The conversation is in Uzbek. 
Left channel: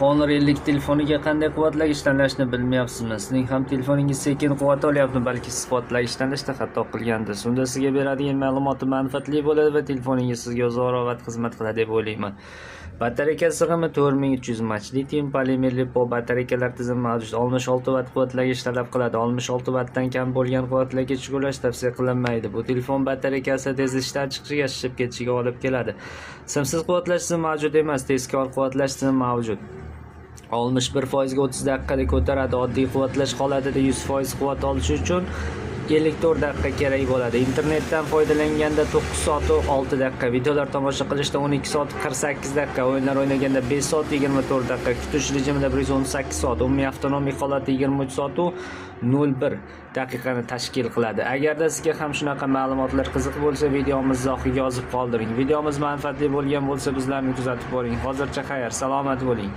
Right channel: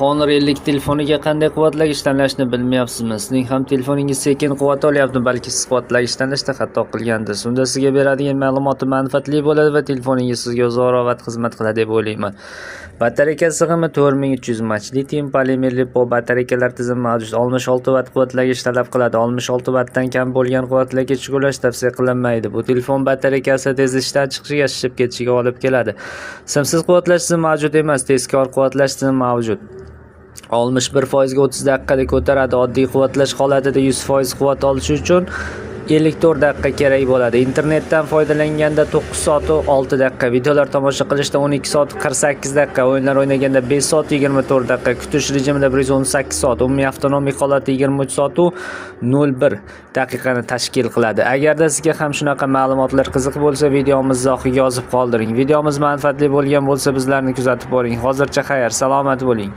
Honor 50 telefoniga qanday quvvatlagich tanlashni bilmayapsizmi? Sizning ham telefoningiz sekin quvvat olyapti, balki siz quvvatlagich tanlashda xato qilgansiz. Unda sizga beradigan ma'lumoti manfaatli bo'ladi va telefoningiz sizga uzoq xizmat qiladi deb o'ylayman. Batareyka sig'imi 4300 mAh. Litium polimerli batareykalar tizimi mavjud. 66 watt quvvatlagich talab qiladi. 66 wattdan kam bo'lgan quvvatlagich ulash tavsiya qilinmaydi. Bu telefon batareykasi tez ishdan chiqishiga, shishib ketishiga olib keladi. Simsiz quvvatlash tizimi mavjud emas, tezkor quvvatlash tizimi mavjud. 61% ga 30 daqiqada ko'taradi. Oddiy quvvatlash holatida 100% quvvat olish uchun 54 daqiqa kerak bo'ladi. Internetdan foydalanganda 9 soat 6 daqiqa, videolar tomosha qilishda 12 soat 48 daqiqa, o'yinlar o'ynaganda 5 soat 24 daqiqa, kutish rejimida 118 soat, umumiy avtonomik holati 23 soat 01 daqiqani tashkil qiladi. Agarda sizga ham shunaqa ma'lumotlar qiziq bo'lsa, videomiz izohiga yozib qoldiring. Videomiz manfaatli bo'lgan bo'lsa, bizlarni kuzatib boring. Hozircha xayr, salomat bo'ling.